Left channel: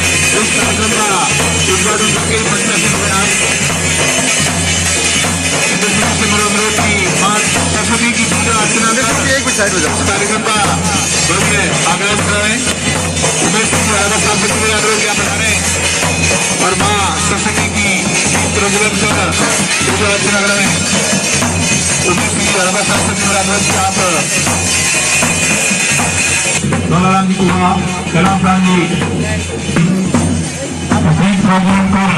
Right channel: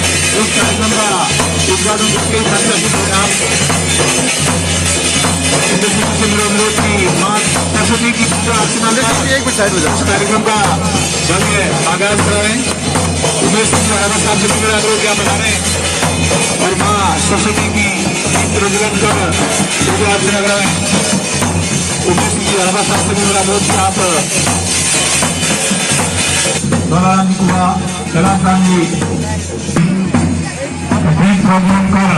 इस कार्यक्रम का उद्घाटन करके मंच से आप से मेरा अनुरोध की मां सरस्वती की पूजा अर्चना कर कार्यक्रम का भव्य आगाज कराएं। उमेश सिंह राणा साहब से मेरा अनुरोध क्या बता रहे और मां सरस्वती की प्रज्वलन कर पूजा अर्चना कराएं। उमेश सिंह राणा साहब से मेरा अनुरोध की आप प्रोग्राम पर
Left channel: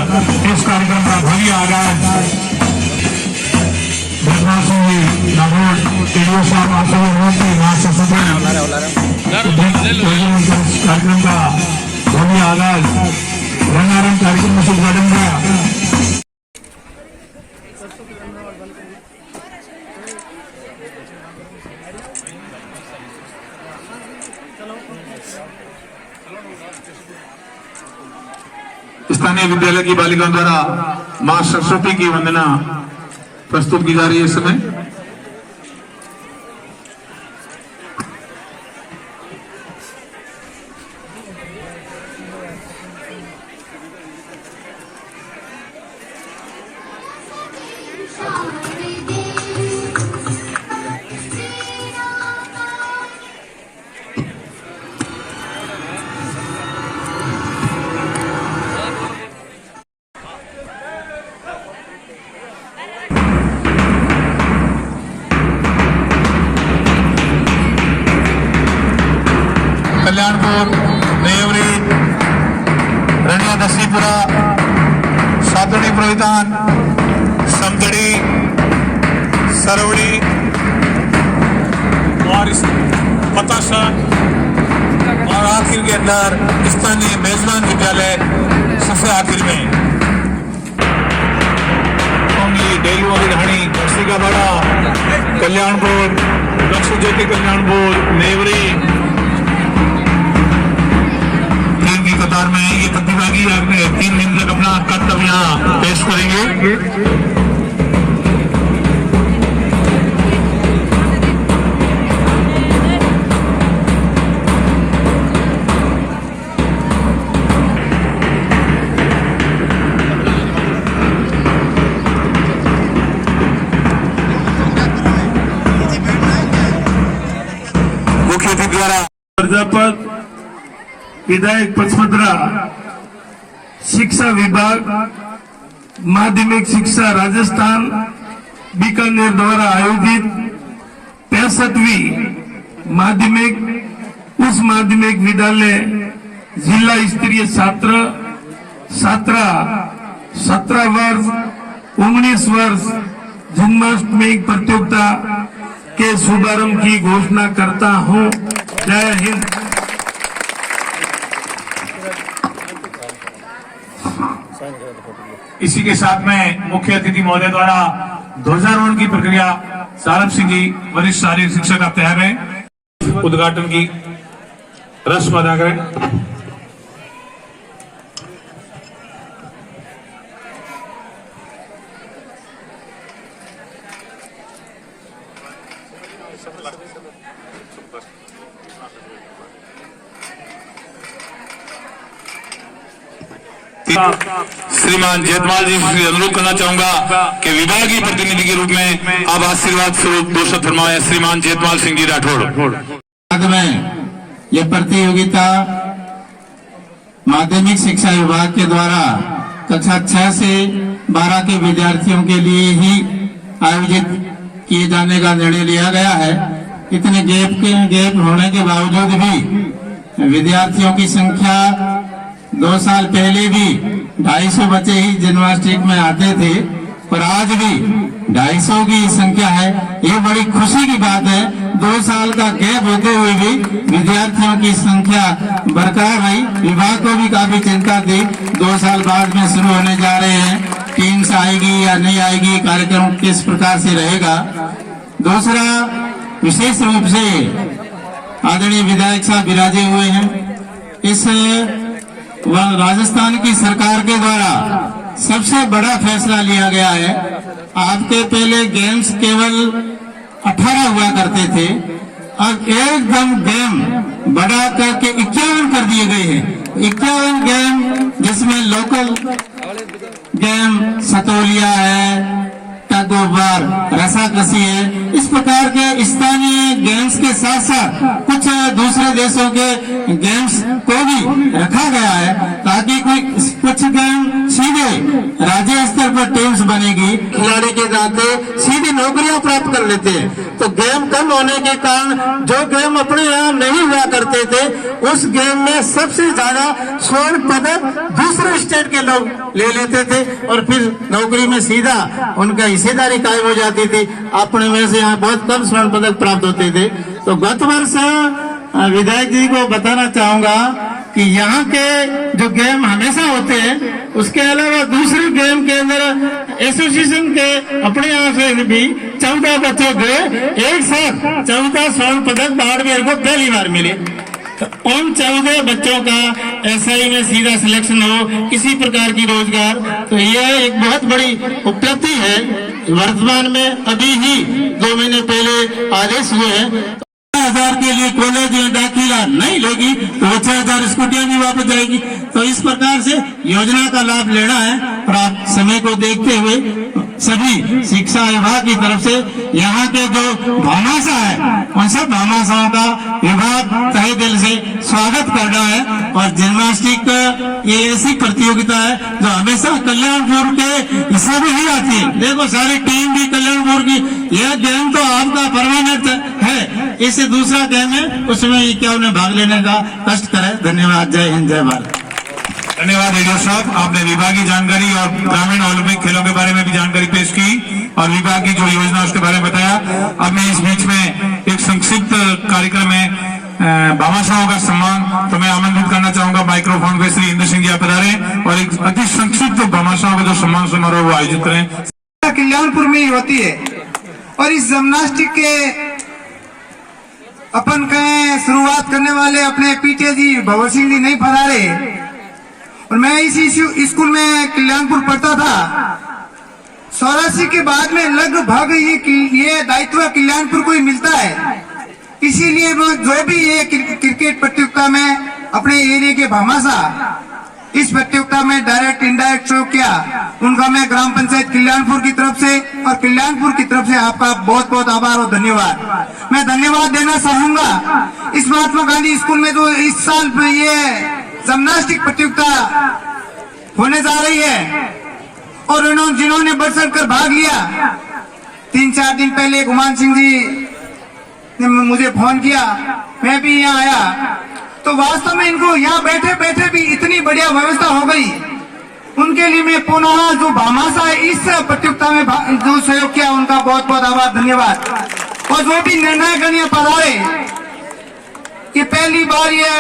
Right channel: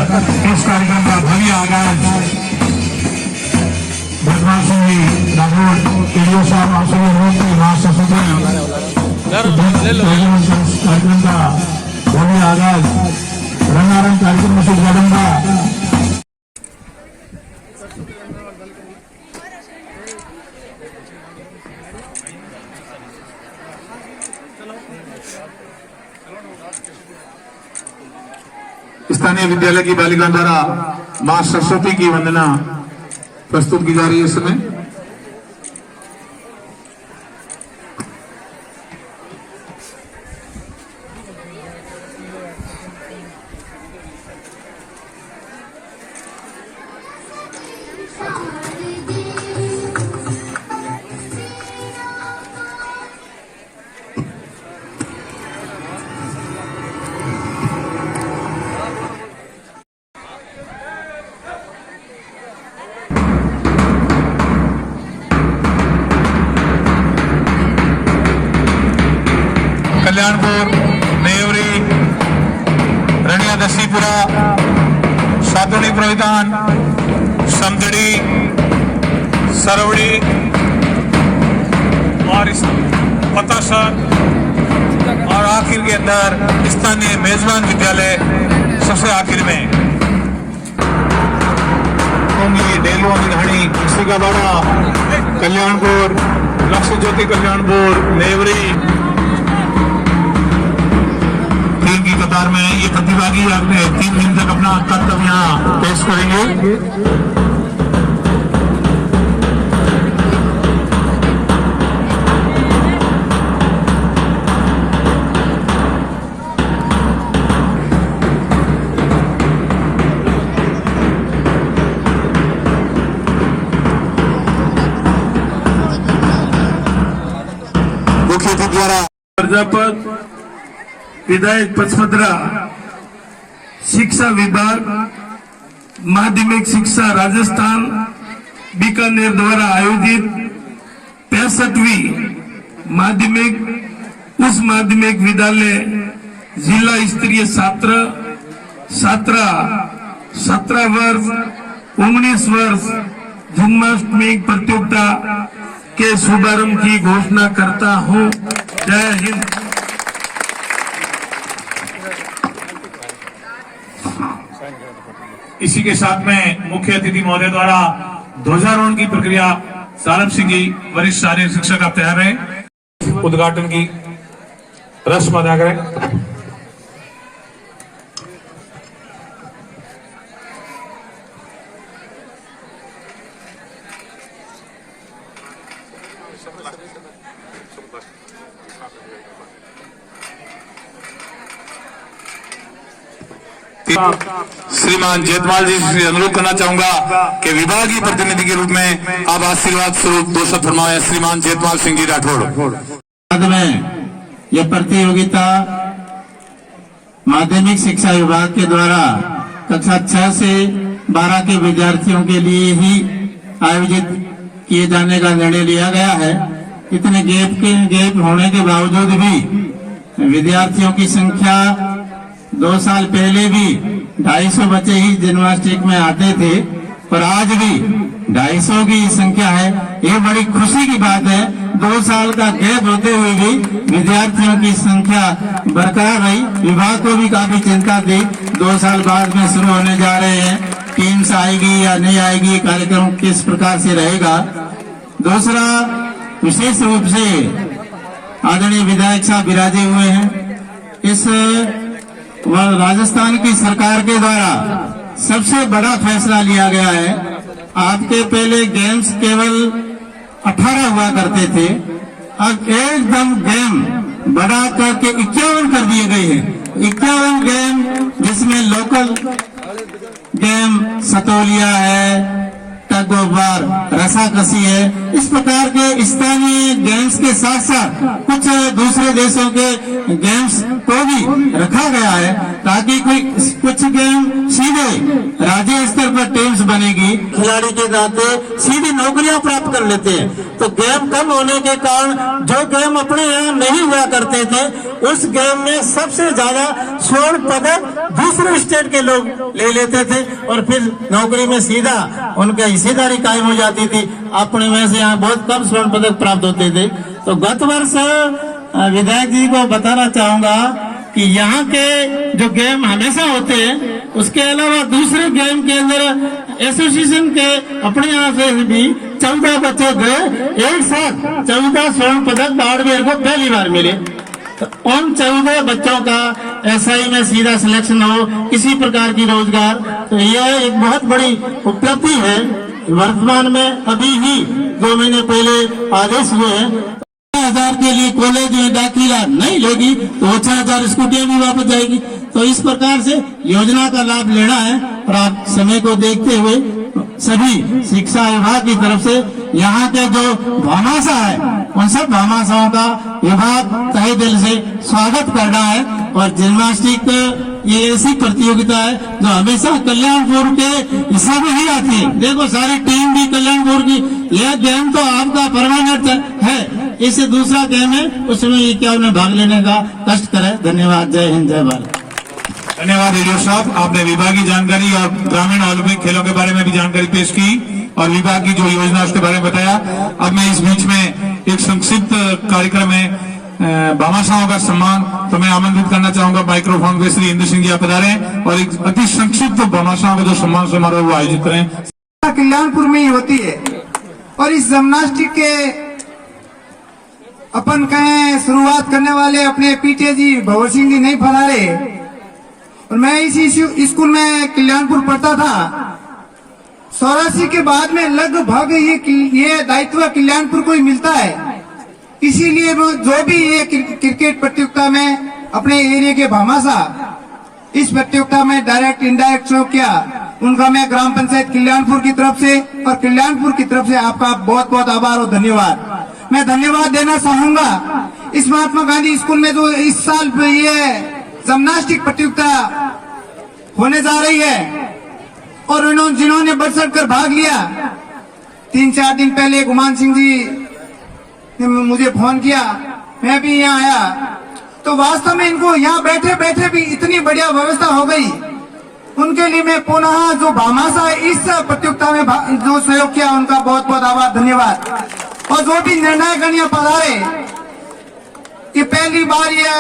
इस कार्यक्रम का भव्य आगाज कार्यक्रम का भव्य आगाज रंगारंग कार्यक्रम से उद्घाटन का स्थानीय विद्यालय की बालिकाओं द्वारा मां सरस्वती की वंदना प्रस्तुत की जा रही है इस समय। कल्याणपुर, नेवरी, रनिया दसीपुरा, सातोड़ी प्रधान, समदड़ी, सरवड़ी और पतासा और आखिर के अंदर स्थानीय मेजबान विद्यालय सबसे आखिर में डेली वाली रहनी सिकावाड़ा, कल्याणपुर, लक्ष्य ज्योति कल्याणपुर, नेवरी कतार में ये प्रतिभागी 3 दिन तक अपना कर्तव्य पेश करेंगे। मुख्य अतिथि द्वारा प्रजापत विधायक पचमद्रा शिक्षा विभाग माध्यमिक शिक्षा राजस्थान बीकानेर द्वारा आयोजित 65वीं माध्यमिक उच्च माध्यमिक विद्यालय जिला स्तरीय छात्र 17 वर्ष 19 वर्ष जन्माष्टमी प्रतियोगिता के शुभारंभ की घोषणा करता हूं। जय हिंद। इसी के साथ में मुख्य अतिथि महोदय द्वारा ध्वजारोहण की प्रक्रिया सारंग सिंह जी वरिष्ठ शारीरिक शिक्षक आप तैयार हैं उद्घाटन की रस्म अदा करें। श्रीमान जेतमाल जी से अनुरोध करना चाहूंगा कि विभागीय प्रतिनिधि के रूप में आप आशीर्वाद स्वरूप 2 शब्द फरमाएं। श्रीमान जेतमाल सिंह जी राठौड़। यह प्रतियोगिता माध्यमिक शिक्षा विभाग के द्वारा कक्षा 6 से 12 के विद्यार्थियों के लिए ही आयोजित किए जाने का निर्णय लिया गया है। इतने गैप होने के बावजूद भी विद्यार्थियों की संख्या 2 साल पहले भी 250 बच्चे ही जन्माष्टमी में आते थे, पर आज भी 250 की संख्या है। ये बड़ी खुशी की बात है। 2 साल का गैप होते हुए भी विद्यार्थियों की संख्या बरकरार रही। विभाग को भी काफी चिंता थी 2 साल बाद में शुरू होने जा रहे हैं, टीम्स आएगी या नहीं आएगी, कार्यक्रम किस प्रकार से रहेगा। दूसरा, विशेष रूप से आदरणीय विधायक साहब विराजे हुए हैं। इस राजस्थान की सरकार के द्वारा सबसे बड़ा फैसला लिया गया है। आज के पहले गेम्स केवल 18 हुआ करते थे, अब एकदम गेम बढ़ा करके 51 कर दिए गए हैं। 51 गेम, जिसमें लोकल गेम सतोलिया है, टग ऑफ वार, रसाकसी है। इस प्रकार के स्थानीय गेम्स के साथ साथ कुछ दूसरे देशों के गेम्स को भी रखा गया है, ताकि कुछ गेम सीधे राज्य स्तर पर टीम्स बनेगी, खिलाड़ी के नाते सीधी नौकरियां प्राप्त कर लेते हैं। तो गेम कम होने के कारण जो गेम अपने यहाँ नहीं हुआ करते थे, उस गेम में सबसे ज्यादा स्वर्ण पदक दूसरे स्टेट के लोग ले लेते थे और फिर नौकरी में सीधा उनका हिस्सेदारी कायम हो जाती थी। अपने में से यहाँ बहुत कम स्वर्ण पदक प्राप्त होते थे। तो गत वर्ष विधायक जी को बताना चाहूंगा कि यहाँ के जो गेम हमेशा होते हैं, उसके अलावा दूसरे गेम के अंदर एसोसिएशन के अपने यहाँ से भी 14 बच्चों को एक साथ 14 स्वर्ण पदक बाड़मेर को पहली बार मिले। तो उन 14 बच्चों का एसआई में सीधा सिलेक्शन हो, किसी प्रकार की रोजगार, तो यह एक बहुत बड़ी उपलब्धि है। वर्तमान में अभी ही 2 महीने पहले आदेश हुए हैं, 1000 के लिए कॉलेज में दाखिला नहीं लेगी तो 6000 स्कूटियां भी वापस जाएगी। तो इस प्रकार से योजना का लाभ लेना है। और आप समय को देखते हुए सभी शिक्षा विभाग की तरफ से यहाँ के जो भामाशाह है, उन सब भामाशाहों का विभाग तहे दिल से स्वागत करना है। और जिम्नास्टिक ये ऐसी प्रतियोगिता है जो हमेशा कल्याणपुर के हिस्से में ही आती है। देखो सारी टीम भी कल्याणपुर की, यह गेम तो आपका परमानेंट है, इससे दूसरा गेम है, उसमें क्या उन्हें भाग लेने का कष्ट करे। धन्यवाद। जय हिंद, जय भारत। धन्यवाद रेडियो साहब, आपने विभागीय जानकारी और ग्रामीण ओलंपिक खेलों के बारे में भी जानकारी पेश की और विभाग की जो योजना उसके बारे में बताया। अब मैं इस बीच में एक संक्षिप्त कार्यक्रम में भामाशाहों का सम्मान, तो मैं आमंत्रित करना चाहूंगा माइक्रोफोन पे श्री इंद्र सिंह जी आप पधारें और एक अति संक्षिप्त भामाशाहों का जो सम्मान समारोह वो आयोजित करें। कल्याणपुर में ही होती है और इस जिम्नास्टिक के अपन कहें शुरुआत करने वाले अपने पीटे जी भवर सिंह जी नहीं पधारे और मैं इसी स्कूल में कल्याणपुर पढ़ता था। 84 के बाद में लगभग ये दायित्व कल्याणपुर को ही मिलता है। इसीलिए जो भी ये क्रिकेट प्रतियोगिता में अपने एरिया के भामाशाह इस प्रतियोगिता में डायरेक्ट इनडायरेक्ट शो किया, उनका मैं ग्राम पंचायत कल्याणपुर की तरफ से और कल्याणपुर की तरफ से आपका बहुत बहुत आभार और धन्यवाद। मैं धन्यवाद देना चाहूंगा इस महात्मा गांधी स्कूल में जो इस साल ये जिम्नास्टिक प्रतियोगिता होने जा रही है और जिन्होंने बढ़ चढ़ कर भाग लिया। 3-4 दिन पहले गुमान सिंह जी ने मुझे फोन किया, मैं भी यहाँ आया, तो वास्तव में इनको यहाँ बैठे बैठे भी इतनी बढ़िया व्यवस्था हो गई। उनके लिए मैं पुनः जो भामाशाह इस प्रतियोगिता में जो सहयोग किया उनका बहुत बहुत आभार, धन्यवाद। और जो भी निर्णय पधारे, ये पहली बार ये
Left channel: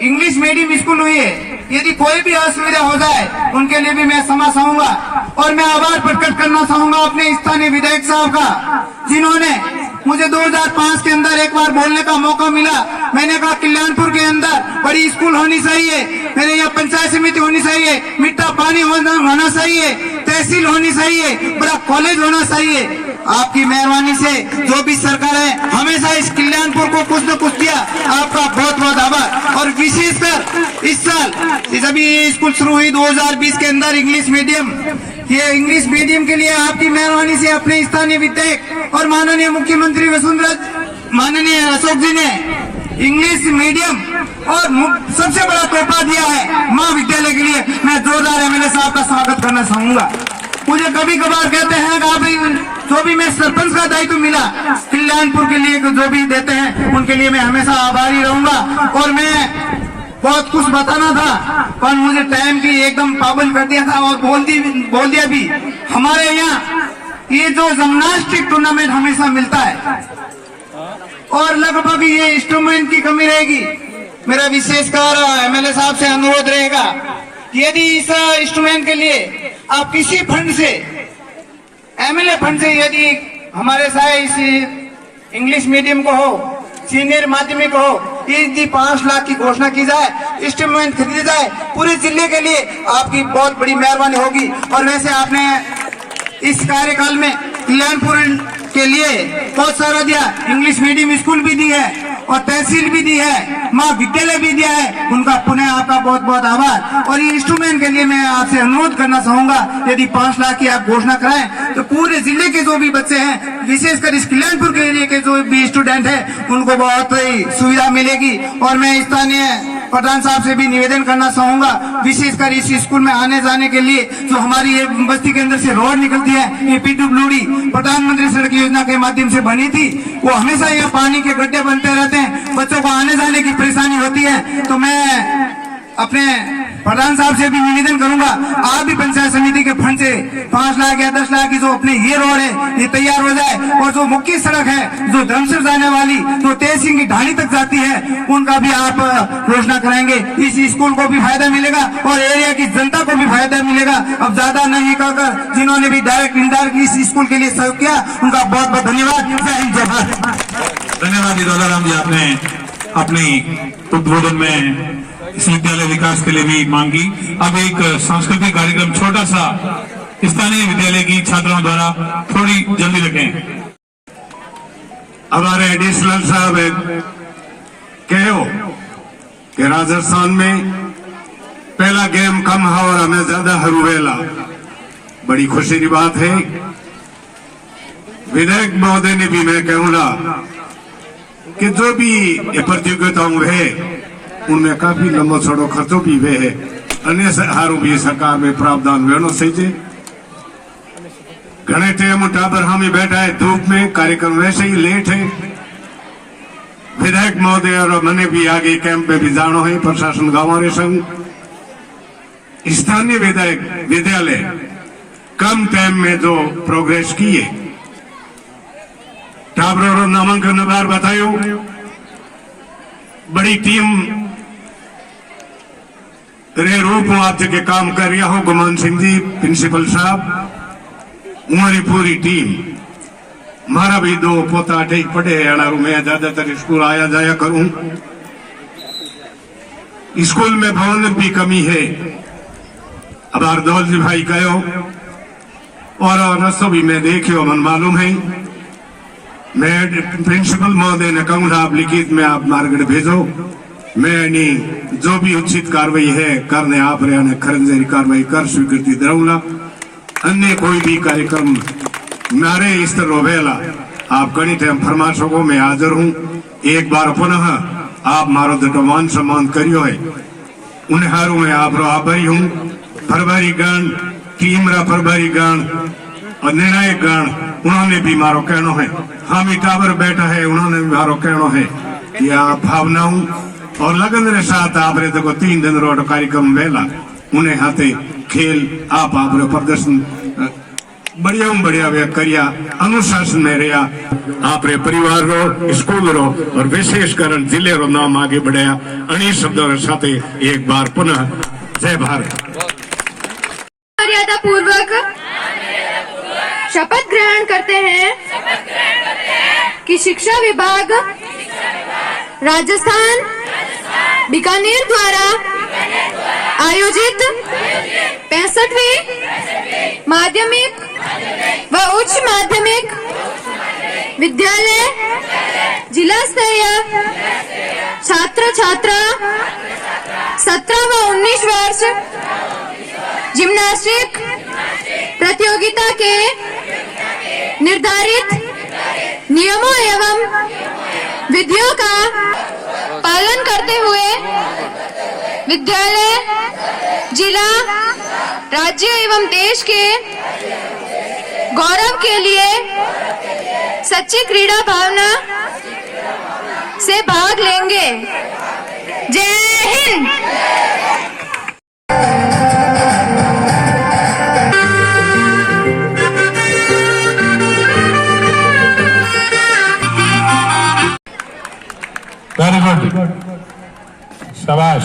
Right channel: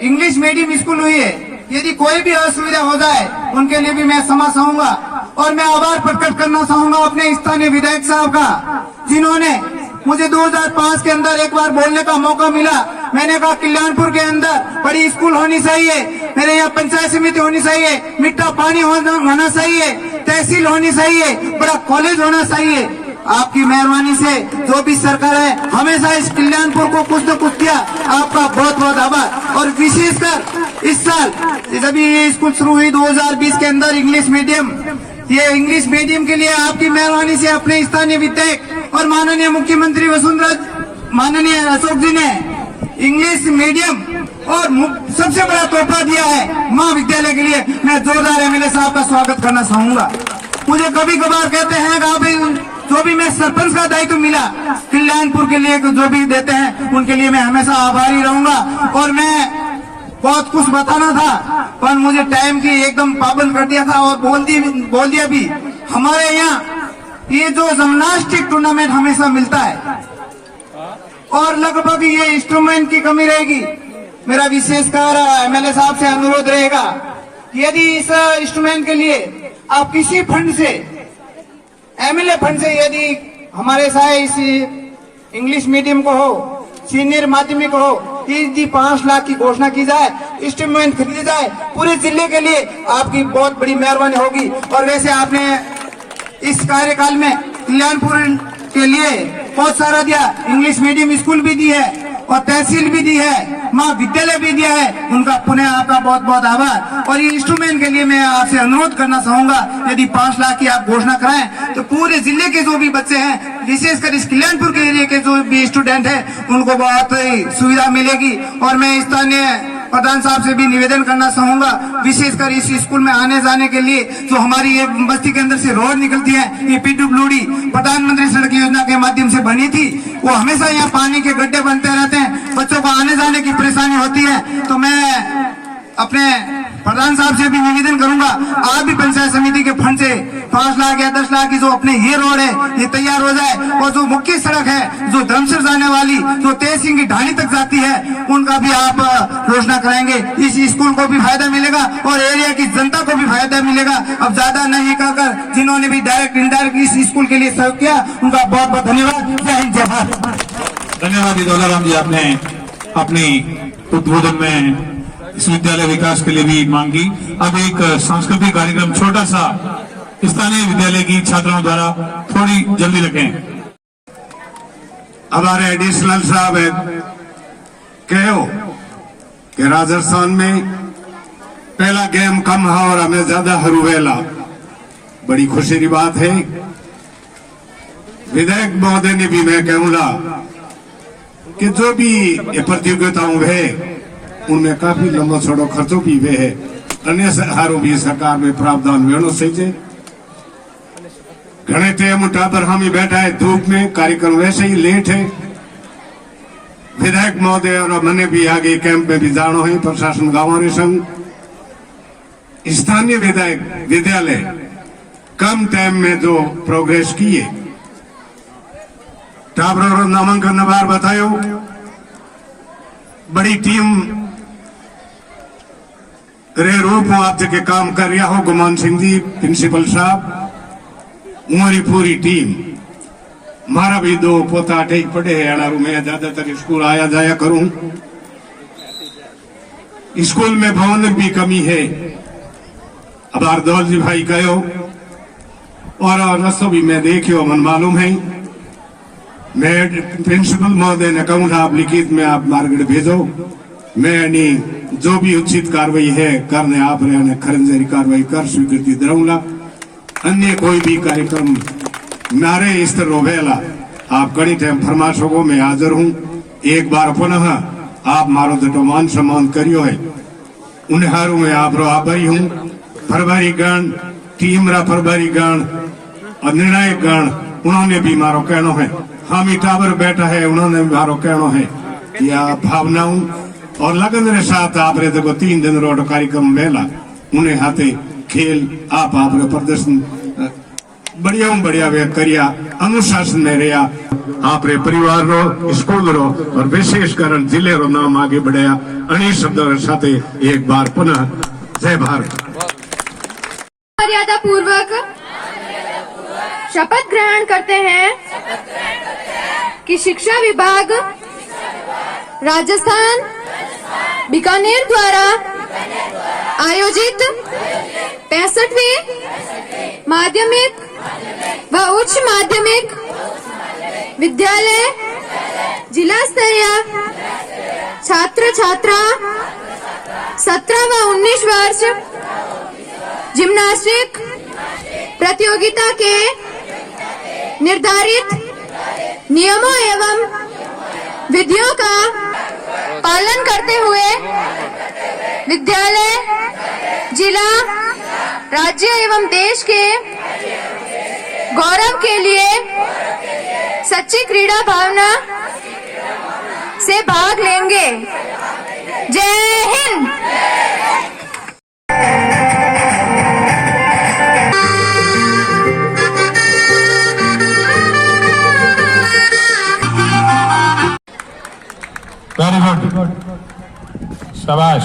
इंग्लिश मीडियम स्कूल हुई है, यदि कोई भी असुविधा हो जाए उनके लिए भी मैं क्षमा चाहूंगा। और मैं आभार प्रकट करना चाहूंगा अपने स्थानीय विधायक साहब का, जिन्होंने मुझे 2005 के अंदर एक बार बोलने का मौका मिला। मैंने कहा कल्याणपुर के अंदर बड़ी स्कूल होनी चाहिए, मेरे यहाँ पंचायत समिति होनी चाहिए, मीठा पानी होना चाहिए, तहसील होनी चाहिए, बड़ा कॉलेज होना चाहिए। आपकी मेहरबानी से जो भी सरकार है हमेशा इस कल्याणपुर को कुछ न कुछ दिया, आपका बहुत बहुत आभार। और विशेषकर इस साल जब ये स्कूल शुरू हुई 2020 के अंदर इंग्लिश मीडियम, ये इंग्लिश मीडियम के लिए आपकी मेहरबानी से अपने स्थानीय विधायक और माननीय मुख्यमंत्री माननीय अशोक जी ने इंग्लिश मीडियम और सबसे बड़ा तोहफा दिया है महाविद्यालय के लिए। मैं जोरदार एमएलए साहब का स्वागत करना चाहूंगा। मुझे कभी कभार कहते हैं कि आप जो भी मैं सरपंच का दायित्व मिला कल्याणपुर के लिए जो भी देते हैं उनके लिए मैं हमेशा आभारी रहूंगा। और मैं बहुत कुछ बताना था पर मुझे टाइम की एकदम पाबंद कर दिया था और बोल दिया भी। हमारे यहाँ ये जो जिम्नास्टिक टूर्नामेंट हमेशा मिलता है और लगभग ये इंस्ट्रूमेंट की कमी रहेगी। मेरा विशेषकर एमएलए साहब से अनुरोध रहेगा, यदि इस इंस्ट्रूमेंट के लिए आप किसी फंड से, एमएलए फंड से, यदि हमारे साथ इस इंग्लिश मीडियम को हो, सीनियर माध्यमिक हो, यदि 5 लाख की घोषणा की जाए, इंस्ट्रूमेंट खरीदे जाए पूरे जिले के लिए, आपकी बहुत बड़ी मेहरबानी होगी। और वैसे आपने इस कार्यकाल में कल्याणपुर के लिए बहुत सारा दिया, इंग्लिश मीडियम स्कूल भी दी है और तहसील भी दी है, महाविद्यालय भी दिया है, उनका पुनः आपका बहुत बहुत आभार। और ये इंस्ट्रूमेंट के लिए मैं आपसे अनुरोध करना चाहूंगा, यदि 5 लाख की आप घोषणा कराएं तो पूरे जिले के जो भी बच्चे हैं, विशेषकर इस कल्याणपुर के एरिया के जो भी स्टूडेंट हैं, उनको बहुत ही सुविधा मिलेगी। और मैं स्थानीय प्रधान साहब से भी निवेदन करना चाहूंगा, विशेषकर इस स्कूल में आने जाने के लिए जो हमारी एक बस्ती के अंदर से रोड निकलती है, ये पीडब्ल्यूडी प्रधानमंत्री सड़क योजना के माध्यम से बनी थी, वो हमेशा यहाँ पानी के गड्ढे बनते रहते हैं, बच्चों को आने जाने की परेशानी होती है। तो मैं अपने प्रधान साहब से भी निवेदन करूंगा, आप भी पंचायत समिति के फंड से 5 लाख या 10 लाख की जो अपने ये रोड है ये तैयार हो जाए, और जो मुख्य सड़क है जो धर्मसर जाने वाली जो तेज सिंह की ढाणी तक जाती है, उनका भी आप घोषणा कराएंगे। इस स्कूल को भी फायदा मिलेगा और एरिया की जनता को भी फायदा मिलेगा। अब ज्यादा नहीं कहकर जिन्होंने भी डायरेक्ट इनडायरेक्ट इस स्कूल के लिए सहयोग किया, उनका बहुत बहुत धन्यवाद। जय हिंद, जय भारत। धन्यवाद दौलाराम जी, आपने अपनी उद्बोधन में इस विद्यालय विकास के लिए भी मांगी। अब एक सांस्कृतिक कार्यक्रम छोटा सा स्थानीय विद्यालय की छात्राओं द्वारा, थोड़ी जल्दी रखें। हमारे एडिशनल साहब कहो कि राजस्थान में पहला गेम कम है और हमें ज्यादा हरूवेला, बड़ी खुशी की बात है। विधायक महोदय ने भी मैं कहूंगा कि जो भी ये प्रतियोगिताओं है उनमें काफी लंबो छोड़ो खर्चो भी वे है, अन्य हारू भी सरकार में प्रावधान वेणो सही। घने टाइम टाबर हामी बैठा है धूप में, कार्यक्रम वैसे ही लेट है। विधायक महोदय और मैंने भी आगे कैंप में भी जानो है, प्रशासन गांव संग स्थानीय विधायक विद्यालय कम टाइम में जो प्रोग्रेस किए, टाबरों नामांकन बार बतायो, बड़ी टीम रे रूप आप के काम कर रहा हो, गुमान सिंह जी प्रिंसिपल साहब, हमारी पूरी टीम, मारा भी 2 पोता ठीक पड़े है अनारू, मैं ज्यादातर स्कूल आया जाया करूं। स्कूल में भवन भी कमी है, अब हरदौल जी भाई कहो, और रस्तों भी मैं देखियो, मन मालूम है। मैं प्रिंसिपल महोदय ने कहूंगा आप लिखित में आप मार्गड भेजो, मैं जो भी उचित कार्रवाई है करने आप रहे खरंजेरी कार्रवाई कर स्वीकृति दूंगा। अन्य कोई भी कार्यक्रम मारे स्तर रोवेला आप कड़ी टाइम फरमाशों को मैं हाजिर हूँ। एक बार पुनः आप मारो तो मान सम्मान करियो है, उन्हें हारू में आप रो आभारी हूँ। प्रभारी गण टीम रा प्रभारी गण और निर्णायक गण, उन्होंने भी मारो कहना है, हम टावर बैठा है, उन्होंने भी मारो कहना है, या भावनाओं और लगन के साथ आप रे देखो 3 दिन रोड कार्यक्रम वेला, उन्हें हाथे खेल आप प्रदर्शन बढ़िया वे करिया, अनुशासन में रहा, आप रे परिवार रो, स्कूल रो और विशेषकर जिले रो नाम आगे बढ़ाया। अनेक शब्दों के साथ एक बार पुनः जय भारत। मर्यादा पूर्वक शपथ ग्रहण करते हैं कि शिक्षा विभाग राजस्थान बीकानेर द्वारा आयोजित 65वीं माध्यमिक व उच्च माध्यमिक विद्यालय जिला स्तरीय छात्र छात्रा 17 व 19 वर्ष जिम्नास्टिक प्रतियोगिता के निर्धारित नियमों एवं विधियों का पालन करते हुए विद्यालय, जिला, राज्य एवं देश के गौरव के लिए सच्ची क्रीड़ा भावना से भाग लेंगे। जय हिंद। वेरी गुड, शाबाश।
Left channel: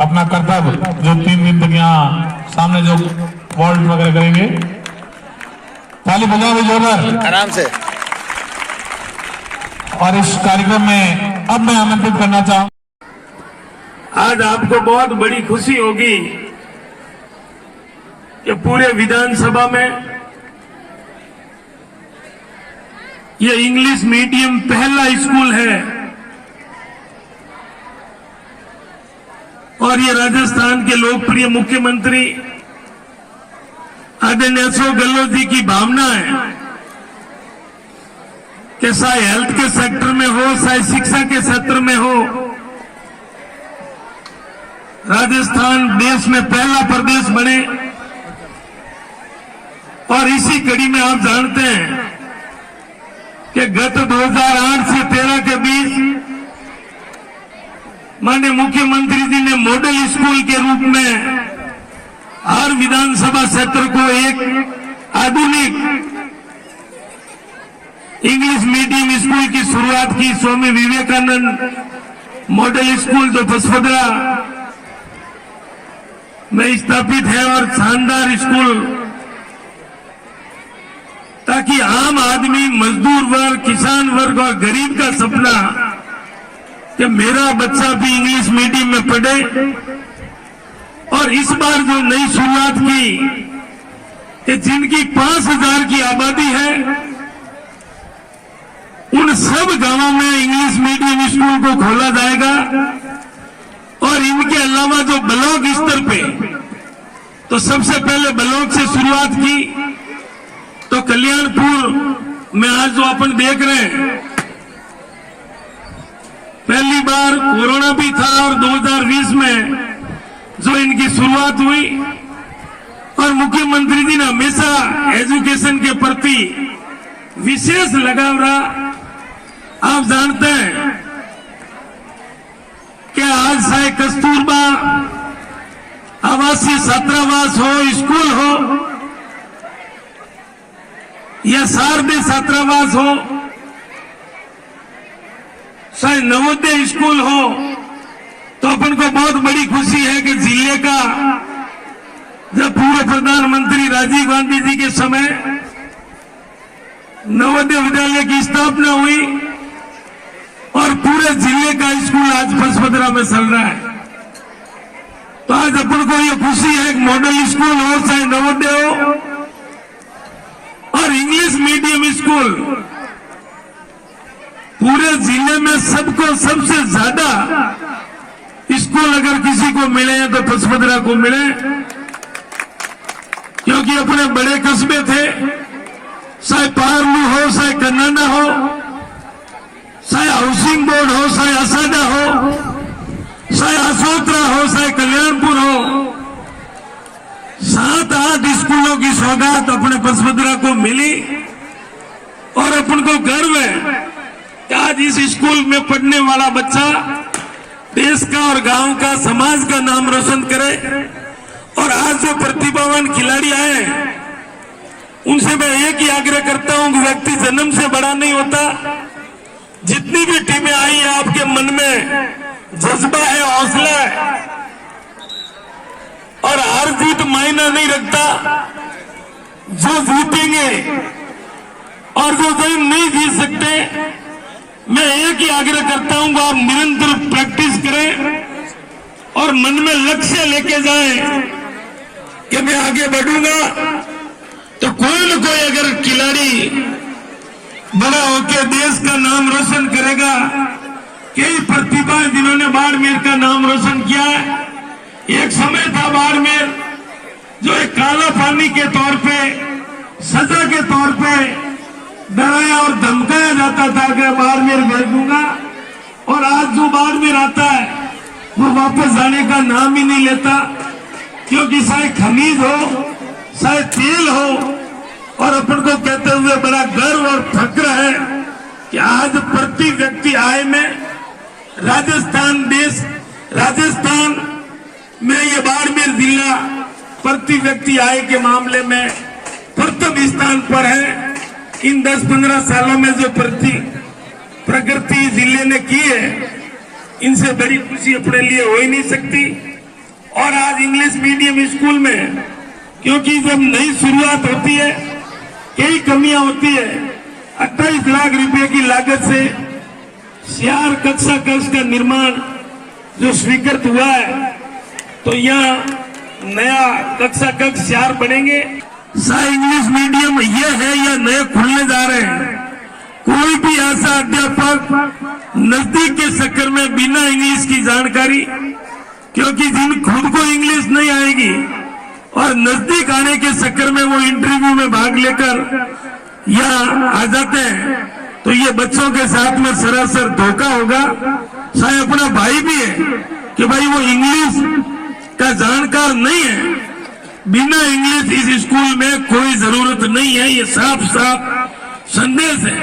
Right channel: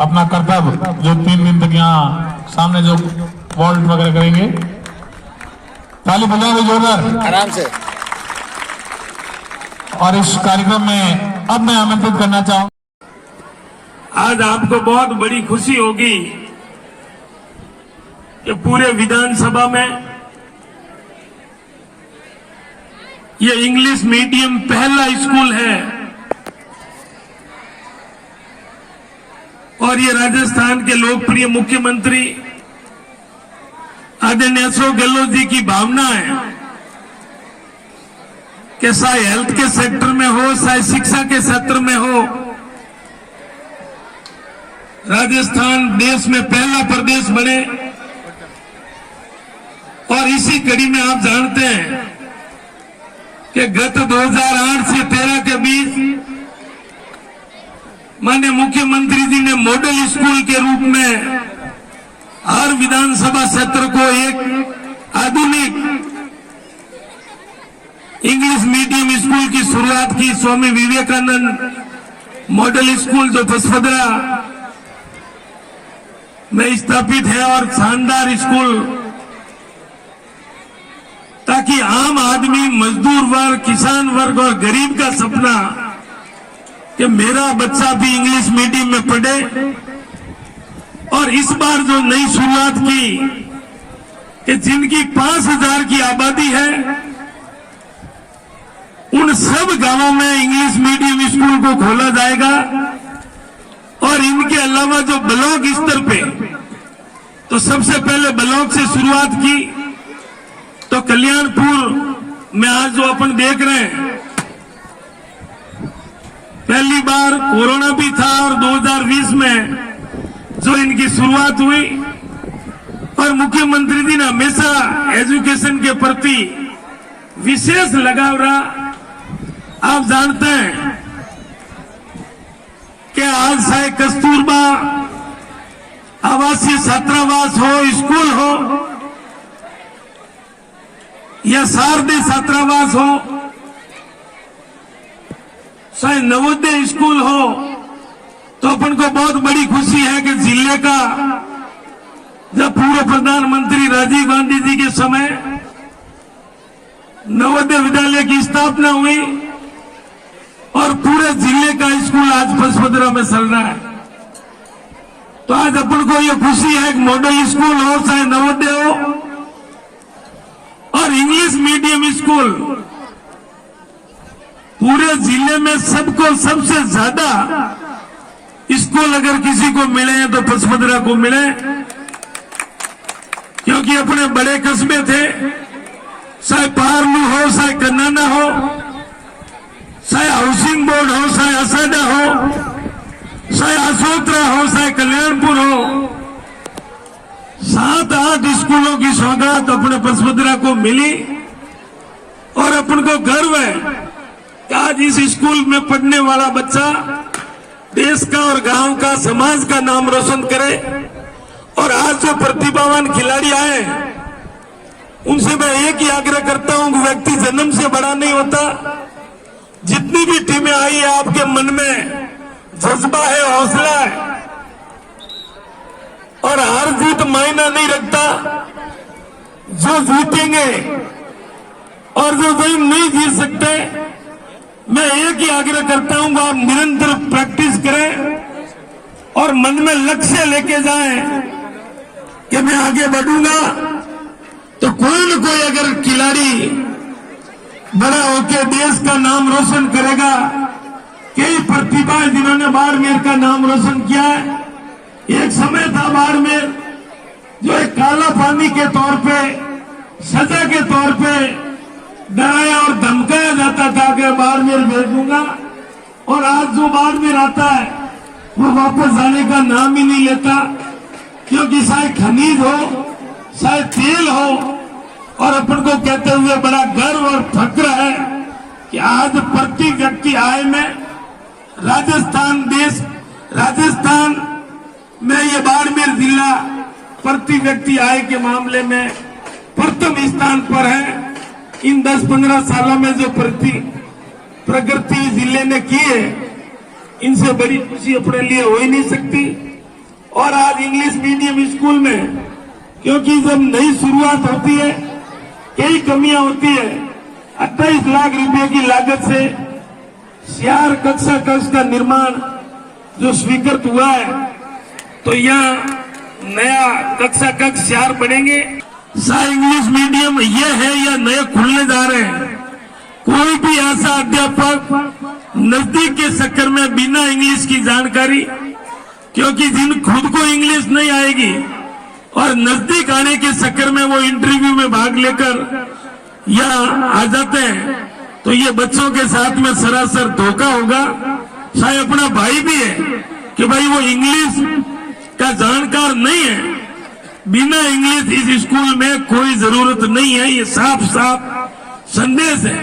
अपना कर्तव्य जो 3 दिन तक यहाँ सामने जो वॉल्ट वगैरह करेंगे, ताली बजाएंगे जोरदार आराम से। और इस कार्यक्रम में अब मैं आमंत्रित करना चाहूँ, आज आपको बहुत बड़ी खुशी होगी कि पूरे विधानसभा में ये इंग्लिश मीडियम पहला स्कूल है और ये राजस्थान के लोकप्रिय मुख्यमंत्री आदरणीय अशोक गहलोत जी की भावना है कि चाहे हेल्थ के सेक्टर में हो, चाहे शिक्षा के क्षेत्र में हो, राजस्थान देश में पहला प्रदेश बने। और इसी कड़ी में आप जानते हैं कि गत 2008 से 13 के बीच माननीय मुख्यमंत्री जी ने मॉडल स्कूल के रूप में हर विधानसभा क्षेत्र को एक आधुनिक इंग्लिश मीडियम स्कूल की शुरुआत की। स्वामी विवेकानंद मॉडल स्कूल जो बसवदरा में स्थापित है, और शानदार स्कूल, ताकि आम आदमी, मजदूर वर्ग, किसान वर्ग और गरीब का सपना कि मेरा बच्चा भी इंग्लिश मीडियम में पढ़े। और इस बार जो नई शुरुआत की कि जिनकी 5000 की आबादी है, उन सब गांवों में इंग्लिश मीडियम स्कूल को खोला जाएगा। और इनके अलावा जो ब्लॉक स्तर पे, तो सबसे पहले ब्लॉक से शुरुआत की, तो कल्याणपुर में आज जो अपन देख रहे हैं, पहली बार कोरोना भी था और 2020 में जो इनकी शुरुआत हुई। और मुख्यमंत्री जी ने हमेशा एजुकेशन के प्रति विशेष लगाव रहा। आप जानते हैं कि आज चाहे कस्तूरबा आवासीय छात्रावास हो, स्कूल हो, या शारदीय छात्रावास हो, चाहे नवोदय स्कूल हो, तो अपन को बहुत बड़ी खुशी है कि जिले का, जब पूर्व प्रधानमंत्री राजीव गांधी जी के समय नवोदय विद्यालय की स्थापना हुई और पूरे जिले का स्कूल आज बसवदरा में चल रहा है। तो आज अपन को ये खुशी है कि मॉडल स्कूल हो, चाहे नवोदय हो, और इंग्लिश मीडियम स्कूल पूरे जिले में सबको सबसे ज्यादा स्कूल अगर किसी को मिले तो बसवदरा को मिले, क्योंकि अपने बड़े कस्बे थे, चाहे पावरलू हो, चाहे कन्नाना हो, चाहे हाउसिंग बोर्ड हो, चाहे असाडा हो, चाहे अशोकरा हो, चाहे कल्याणपुर हो, 7-8 स्कूलों की सौगात अपने बसवदरा को मिली। और अपन को गर्व है कि आज इस स्कूल में पढ़ने वाला बच्चा देश का और गांव का, समाज का नाम रोशन करे। और आज जो प्रतिभावान खिलाड़ी आए, उनसे मैं एक ही आग्रह करता हूं कि व्यक्ति जन्म से बड़ा नहीं होता। जितनी भी टीमें आई है, आपके मन में जज्बा है, हौसला है, और हार जीत मायना नहीं रखता। जो जीतेंगे और जो गेम नहीं जीत सकते, मैं एक ही आग्रह करता हूं कि आप निरंतर प्रैक्टिस करें और मन में लक्ष्य लेके जाएं कि मैं आगे बढ़ूंगा। तो कोई न कोई अगर खिलाड़ी बड़ा होकर देश का नाम रोशन करेगा। कई प्रतिभाएं जिन्होंने बाड़मेर का नाम रोशन किया है। एक समय था बाड़मेर जो एक काला पानी के तौर पे, सजा के तौर पे डराया और धमकाया जाता था कि बाड़मेर भेज दूंगा। और आज जो बाड़मेर आता है वो वापस जाने का नाम ही नहीं लेता, क्योंकि चाहे खनिज हो, चाहे तेल हो। और अपन को कहते हुए बड़ा गर्व और फक्र है कि आज प्रति व्यक्ति आय में राजस्थान में ये बाड़मेर जिला प्रति व्यक्ति आय के मामले में प्रथम स्थान पर है। इन 10-15 सालों में जो प्रगति जिले ने की है, इनसे बड़ी खुशी अपने लिए हो ही नहीं सकती। और आज इंग्लिश मीडियम स्कूल में, क्योंकि जब नई शुरुआत होती है, कई कमियां होती है। 28 लाख रुपए की लागत से 4 कक्षा कक्ष का निर्माण जो स्वीकृत हुआ है, तो यहाँ नया कक्षा कक्ष 4 बनेंगे। चाहे इंग्लिश मीडियम ये है या नए खुलने जा रहे हैं, कोई भी ऐसा अध्यापक नजदीक के चक्कर में बिना इंग्लिश की जानकारी क्योंकि जिन खुद को इंग्लिश नहीं आएगी और नजदीक आने के चक्कर में वो इंटरव्यू में भाग लेकर यहाँ आ जाते हैं, तो ये बच्चों के साथ में सरासर धोखा होगा। शायद अपना भाई भी है कि भाई वो इंग्लिश का जानकार नहीं है, बिना इंग्लिश इस स्कूल में कोई जरूरत नहीं है, ये साफ साफ संदेश है।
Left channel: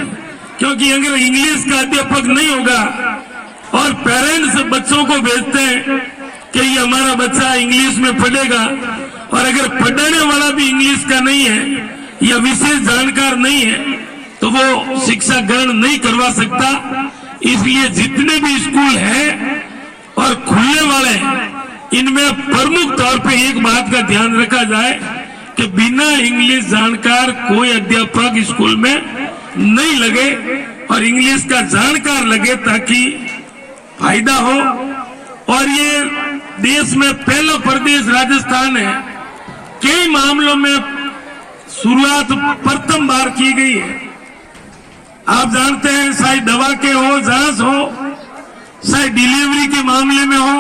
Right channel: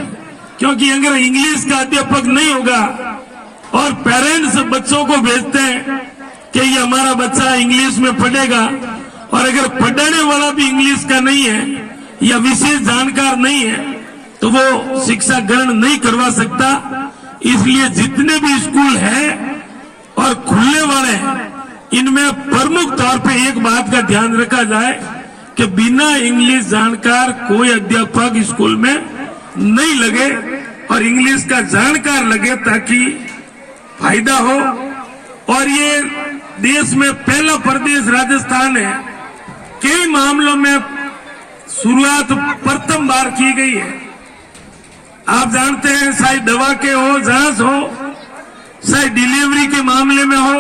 क्योंकि अगर इंग्लिश का अध्यापक नहीं होगा और पेरेंट्स बच्चों को भेजते हैं कि ये हमारा बच्चा इंग्लिश में पढ़ेगा, और अगर पढ़ाने वाला भी इंग्लिश का नहीं है या विशेष जानकार नहीं है, तो वो शिक्षा ग्रहण नहीं करवा सकता। इसलिए जितने भी स्कूल हैं और खुलने वाले हैं, इनमें प्रमुख तौर पे एक बात का ध्यान रखा जाए कि बिना इंग्लिश जानकार कोई अध्यापक स्कूल में नहीं लगे और इंग्लिश का जानकार लगे, ताकि फायदा हो। और ये देश में पहला प्रदेश राजस्थान है, कई मामलों में शुरुआत प्रथम बार की गई है। आप जानते हैं, चाहे दवा के हो, जांच हो, चाहे डिलीवरी के मामले में हो,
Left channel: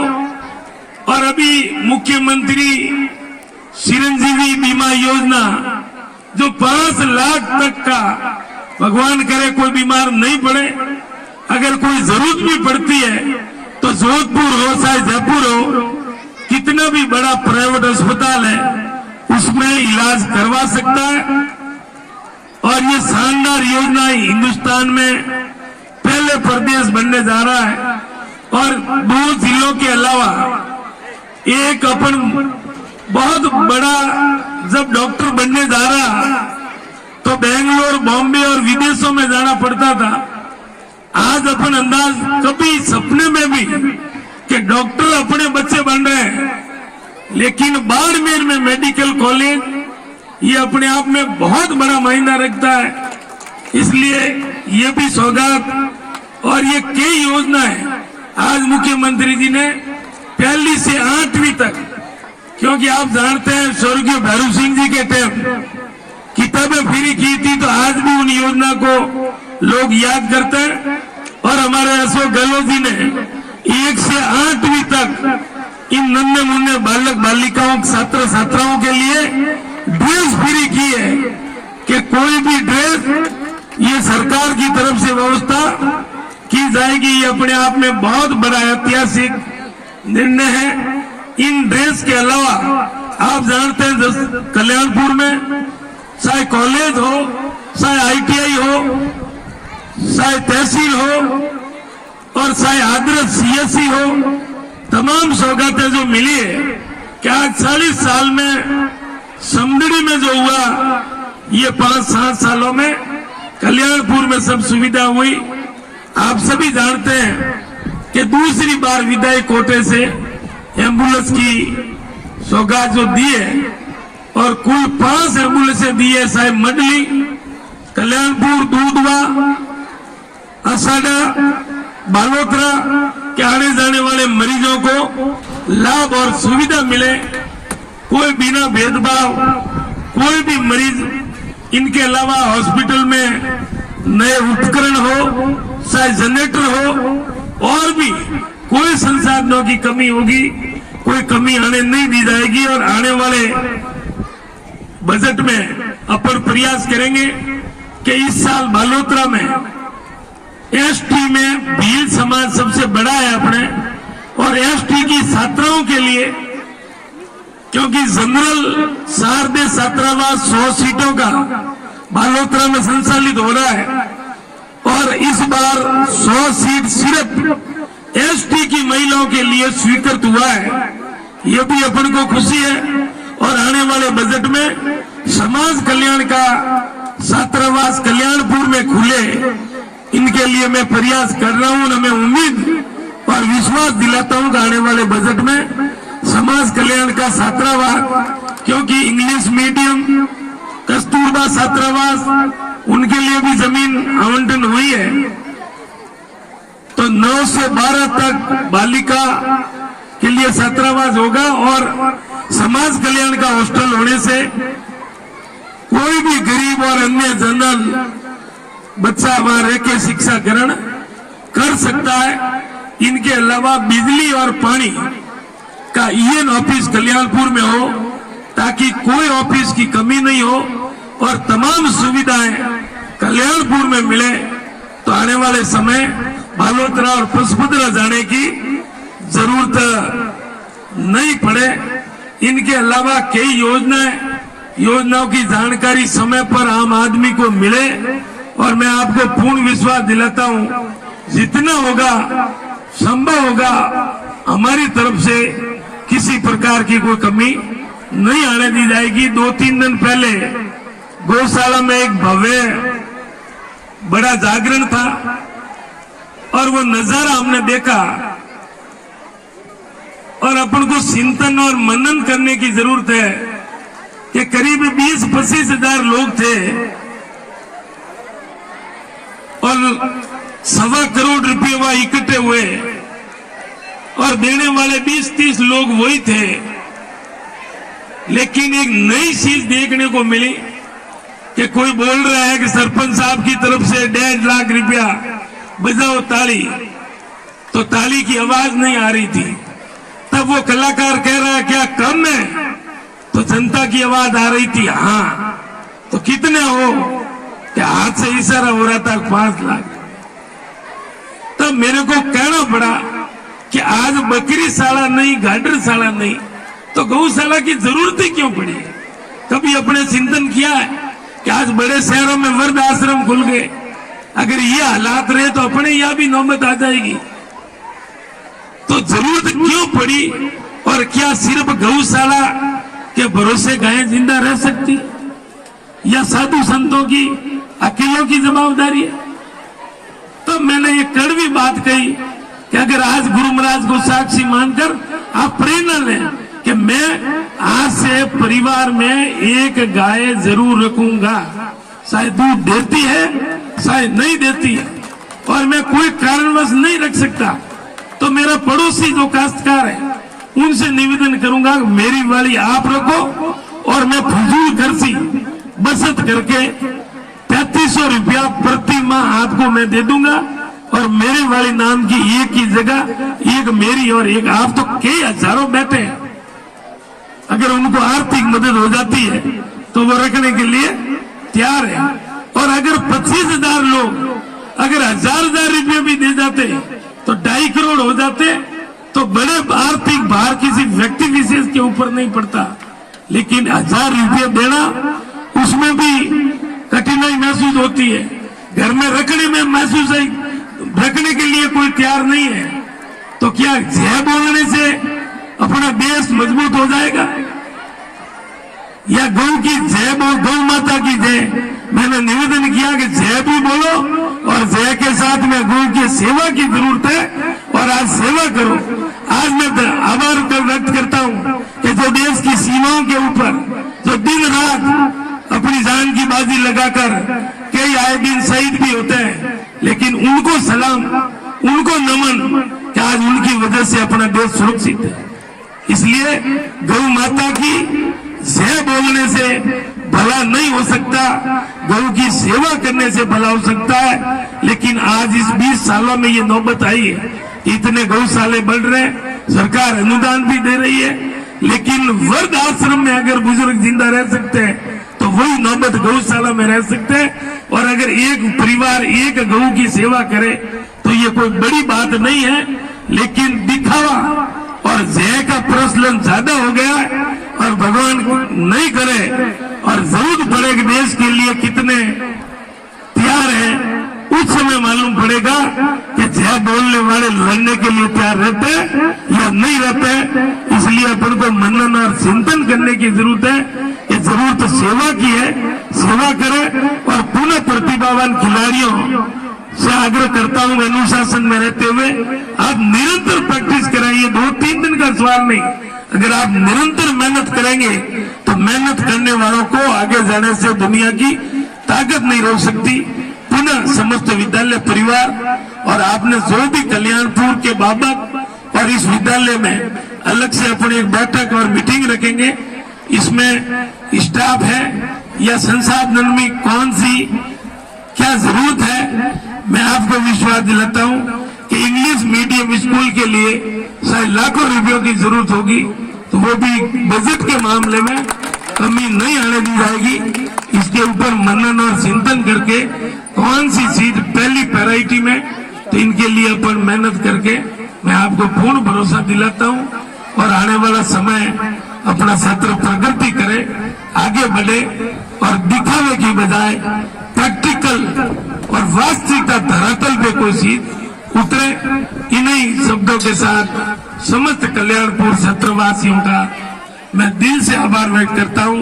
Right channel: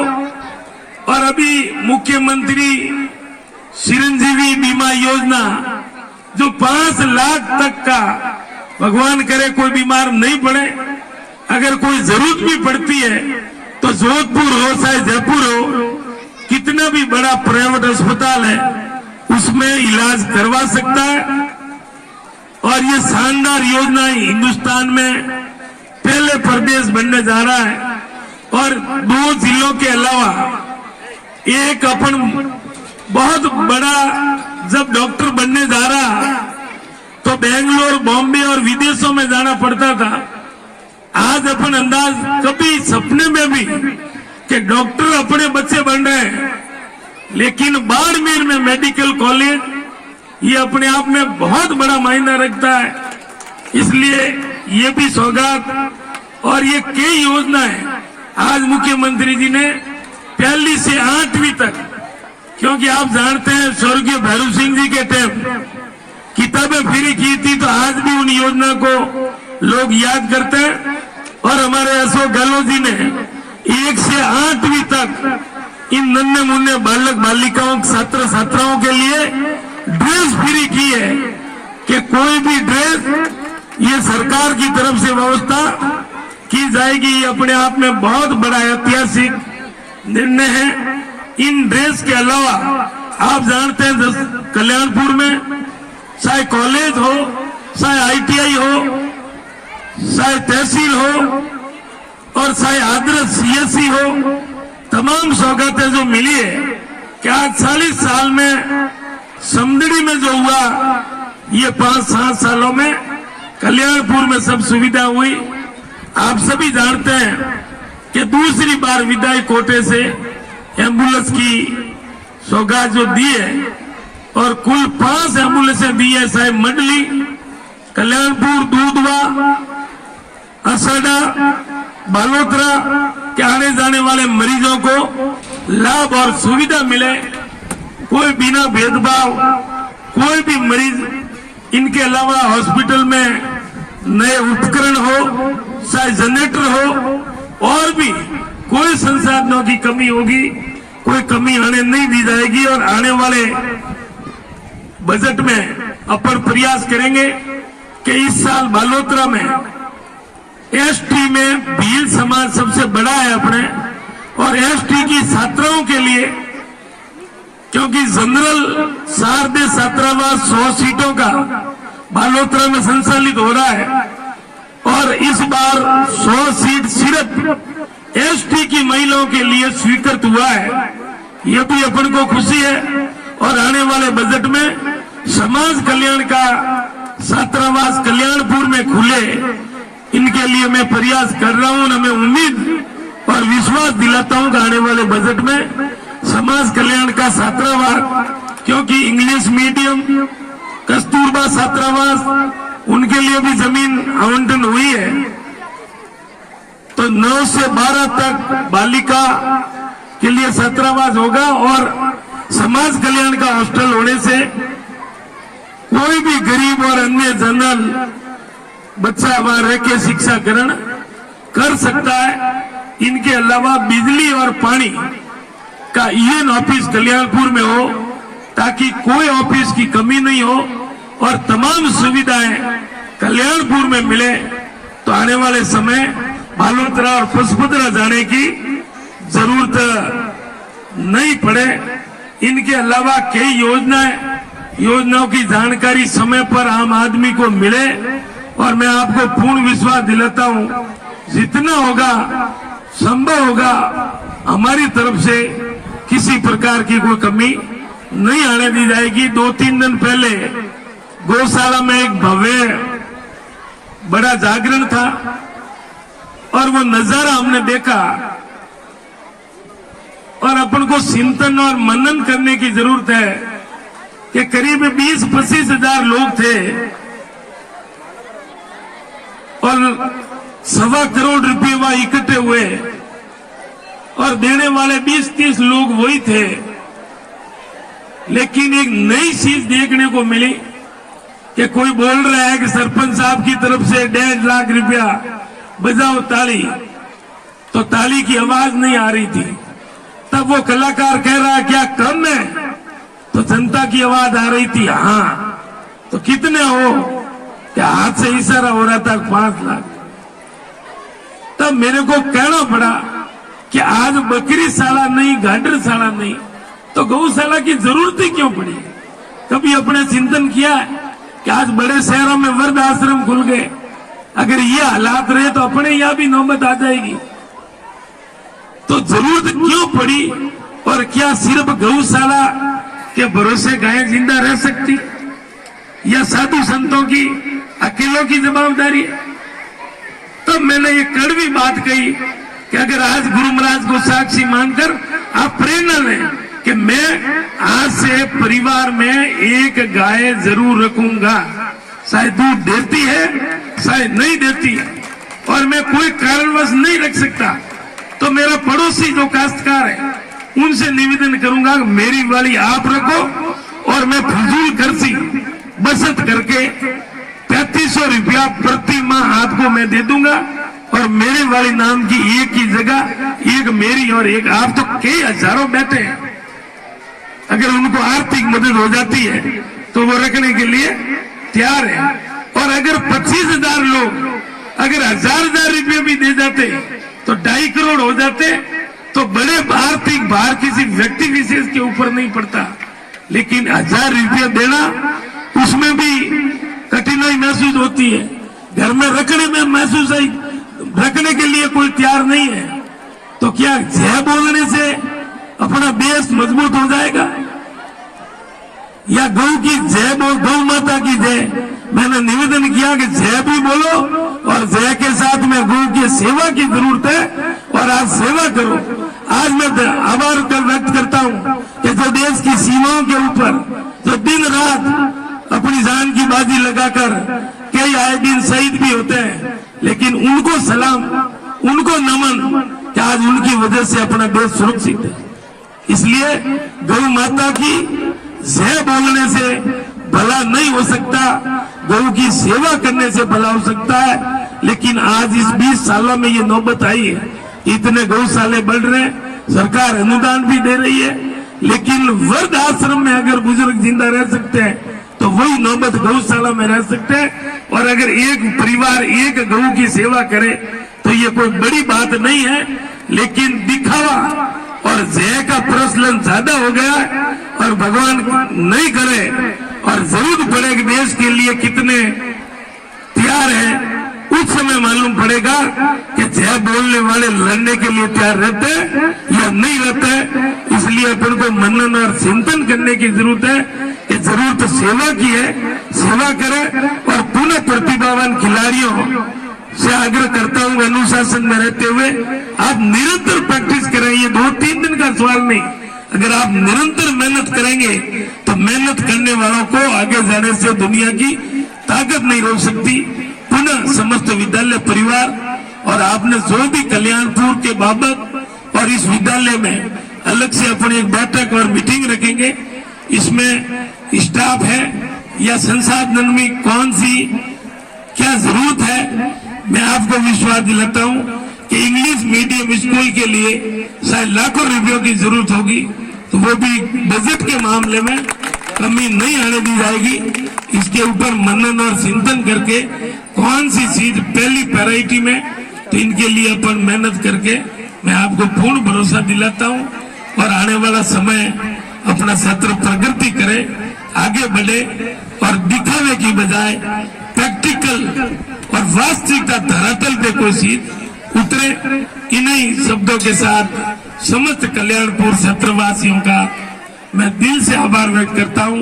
और अभी मुख्यमंत्री चिरंजीवी बीमा योजना जो 5 लाख तक का, भगवान करे कोई बीमार नहीं पड़े, अगर कोई जरूरत भी पड़ती है तो जोधपुर हो चाहे जयपुर हो, कितना भी बड़ा प्राइवेट अस्पताल है उसमें इलाज करवा सकता है। और ये शानदार योजना हिंदुस्तान में पहले प्रदेश बनने जा रहा है। और 2 जिलों के अलावा एक अपन बहुत बड़ा जब डॉक्टर बनने जा रहा तो बेंगलोर, बॉम्बे और विदेशों में जाना पड़ता था। आज अपन अंदाज कभी सपने में भी कि डॉक्टर अपने बच्चे बन रहे हैं, लेकिन बाड़मेर में मेडिकल कॉलेज ये अपने आप में बहुत बड़ा मायना रखता है। इसलिए ये भी सौगात और ये कई योजनाएं आज मुख्यमंत्री जी ने 1 से 8वीं तक, क्योंकि आप जानते हैं स्वर्गीय भैरव सिंह जी के टाइम किताबें फ्री की थी, तो आज भी उन योजना को लोग याद करते हैं। और हमारे अशोक गहलोत जी ने 1 से 8वीं तक इन नन्हे मुन्ने बालक बालिकाओं, छात्र छात्राओं के लिए ड्रेस फ्री की है कि कोई भी ड्रेस ये सरकार की तरफ से व्यवस्था की जाएगी। ये अपने आप में बहुत बड़ा ऐतिहासिक निर्णय है। इन ड्रेस के अलावा आप जानते हैं कल्याणपुर में चाहे कॉलेज हो, चाहे ITI हो, चाहे तहसील हो और चाहे आदर्श CSE हो, तमाम सौगातें जो मिली है कि आज 40 साल में समदड़ी में जो हुआ, ये 5-7 सालों में कल्याणपुर में सब सुविधा हुई। आप सभी जानते हैं कि दूसरी बार विधायी कोटे से एम्बुलेंस की सौगात जो दी है, और कुल 5 एम्बुलेंसें दी है, चाहे मंडली, कल्याणपुर, दूधवा, असाडा, बालोतरा के आने जाने वाले मरीजों को लाभ और सुविधा मिले, कोई बिना भेदभाव, कोई भी मरीज। इनके अलावा हॉस्पिटल में नए उपकरण हो, चाहे जनरेटर हो, और भी कोई संसाधनों की कमी होगी, कोई कमी आने नहीं दी जाएगी। और आने वाले बजट में अपन प्रयास करेंगे कि इस साल बालोतरा में ST में भील समाज सबसे बड़ा है अपने, और ST की छात्राओं के लिए, क्योंकि जनरल शारदे छात्रावास 100 सीटों का बालोतरा में संचालित हो रहा है, और इस बार 100 सीट सिर्फ ST की महिलाओं के लिए स्वीकृत हुआ है। ये भी अपन को खुशी है। और आने वाले बजट में समाज कल्याण का छात्रावास कल्याणपुर में खुले, इनके लिए मैं प्रयास कर रहा हूं। मैं उम्मीद और विश्वास दिलाता हूं कि आने वाले बजट में समाज कल्याण का छात्रावास, क्योंकि इंग्लिश मीडियम, कस्तूरबा छात्रावास, उनके लिए भी जमीन आवंटन हुई है, तो 9 से 12 तक बालिका के लिए छात्रावास होगा। और समाज कल्याण का हॉस्टल होने से कोई भी गरीब और अन्य जनरल बच्चा वहां रह के शिक्षा ग्रहण कर सकता है। इनके अलावा बिजली और पानी का ईएन ऑफिस कल्याणपुर में हो, ताकि कोई ऑफिस की कमी नहीं हो और तमाम सुविधाएं कल्याणपुर में मिले। तो आने वाले समय बालोतरा और पचपदरा जाने की जरूरत नहीं पड़े। इनके अलावा कई योजनाओं की जानकारी समय पर आम आदमी को मिले। और मैं आपको पूर्ण विश्वास दिलाता हूं, जितना होगा संभव होगा हमारी तरफ से किसी प्रकार की कोई कमी नहीं आने दी जाएगी। 2-3 दिन पहले गौशाला में एक भव्य बड़ा जागरण था और वो नजारा हमने देखा और अपन को चिंतन और मनन करने की जरूरत है कि करीब 20-25 हजार लोग थे और 1.25 करोड़ रुपये वहां इकट्ठे हुए और देने वाले 20-30 लोग वही थे। लेकिन एक नई चीज देखने को मिली कि कोई बोल रहा है कि सरपंच साहब की तरफ से 1.5 लाख रुपया बजाओ ताली, तो ताली की आवाज नहीं आ रही थी। तब वो कलाकार कह रहा है क्या कम है, तो जनता की आवाज आ रही थी हाँ। तो कितने हो, क्या हाथ से इशारा हो रहा था 5 लाख। तब मेरे को कहना पड़ा कि आज बकरी शाला नहीं, गाडर शाला नहीं, तो गौशाला की जरूरत ही क्यों पड़ी। कभी अपने चिंतन किया है कि आज बड़े शहरों में वृद्ध आश्रम खुल गए, अगर ये हालात रहे तो अपने यहां भी नौबत आ जाएगी। तो जरूरत क्यों पड़ी और क्या सिर्फ गौशाला के भरोसे गायें जिंदा रह सकती या साधु संतों की अकेलों की जवाबदारी है। तब मैंने ये कड़वी बात कही कि अगर आज गुरु महाराज को साक्षी मानकर आप प्रेरणा लें कि मैं आज से परिवार में एक गाय जरूर रखूंगा, शायद दूध देती है शायद नहीं देती है और मैं कोई कारणवश नहीं रख सकता, तो मेरा पड़ोसी जो काश्तकार है उनसे निवेदन करूंगा मेरी वाली आप रखो और मैं फजूल खर्ची बचत करके 3500 रुपया प्रति माह आपको मैं दे दूंगा और मेरे वाली नाम की एक ही जगह एक मेरी और एक आप, तो कई हजारों बैठे हैं। अगर उनको आर्थिक मदद हो जाती है तो वो रखने के लिए तैयार है। और अगर 25,000 लोग अगर 1,000 रुपये भी दे जाते तो 2.5 करोड़ हो जाते, तो बड़े आर्थिक भार किसी व्यक्ति विशेष के ऊपर नहीं पड़ता। लेकिन 1,000 रुपये देना उसमें भी कठिनाई महसूस होती है, घर में रखने में महसूस है, रखने के लिए कोई तैयार नहीं है। तो क्या जय बोलने से अपना देश मजबूत हो जाएगा या गौ की जय बोल, गौ माता की जय। मैंने निवेदन किया कि जय भी बोलो और जय के साथ में गौ की सेवा की जरूरत है और आज सेवा करो। आज मैं आभार व्यक्त करता हूं कि जो देश की सीमाओं के ऊपर जो दिन रात अपनी जान की बाजी लगाकर कई आए दिन शहीद भी होते हैं, लेकिन उनको सलाम, उनको नमन कि आज उनकी वजह से अपना देश सुरक्षित है। इसलिए गौ माता की जय बोलने से भला नहीं हो सकता, गौ की सेवा करने से भला हो सकता है। लेकिन आज इस 20 सालों में ये नौबत आई है, इतने गौशाले बढ़ रहे हैं, सरकार अनुदान भी दे रही है, लेकिन वृद्ध आश्रम में अगर बुजुर्ग जिंदा रह सकते हैं तो वही नौबत गौशाला में रह सकते हैं। और अगर एक परिवार एक गौ की सेवा करे तो ये कोई बड़ी बात नहीं है। लेकिन दिखावा और जय का प्रचलन ज्यादा हो गया और भगवान नहीं करे और जरूरत पड़े कि देश के लिए कितने तैयार हैं, उस समय मालूम पड़ेगा कि जय बोलने वाले लड़ने के लिए तैयार रहते हैं या नहीं रहते। इसलिए अपन को मनन और चिंतन करने की जरूरत है कि जरूरत सेवा की है, सेवा करें। और पुनः प्रतिभावान खिलाड़ियों से आग्रह करता हूं अनुशासन में रहते हुए आप निरंतर प्रैक्टिस करें। ये 2-3 दिन का सवाल नहीं, अगर आप निरंतर मेहनत करेंगे तो मेहनत करने वालों को आगे जाने से दुनिया की ताकत नहीं रोक सकती। पुनः समस्त विद्यालय परिवार और आपने जो भी कल्याणपुर के बाबत और इस विद्यालय में अलग से अपनी एक बैठक और मीटिंग रखेंगे, इसमें स्टाफ है या संसाधन में कौन सी क्या जरूरत है, मैं आपको विश्वास दिलाता हूं कि इंग्लिश मीडियम स्कूल के लिए शायद लाखों रुपयों की जरूरत होगी, तो वो भी बजट के मामले में कमी नहीं आने दी जाएगी। इसके ऊपर मनन और चिंतन करके कौन सी सीट पहली प्रायोरिटी में, तो इनके लिए अपन मेहनत करके मैं आपको पूर्ण भरोसा दिलाता हूं, और आने वाला समय अपना सत्र प्रगति करे, आगे बढ़े और दिखावे की बजाय प्रैक्टिकल और वास्तविकता धरातल पे कोई सीट उतरे। इन्हीं शब्दों के साथ समस्त कल्याणपुर सत्रवासियों का मैं दिल से आभार व्यक्त करता हूं।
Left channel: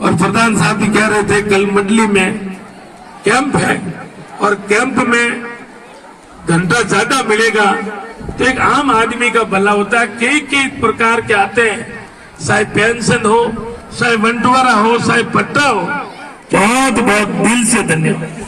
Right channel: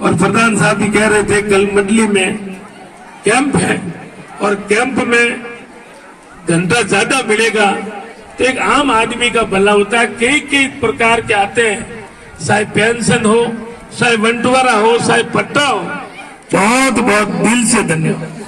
और प्रधान साहब भी कह रहे थे कल मंडली में कैंप है, और कैंप में घंटा ज्यादा मिलेगा तो एक आम आदमी का भला होता है। कई कई प्रकार के आते हैं, चाहे पेंशन हो, चाहे बंटवारा हो, चाहे पट्टा हो। बहुत बहुत दिल से धन्यवाद।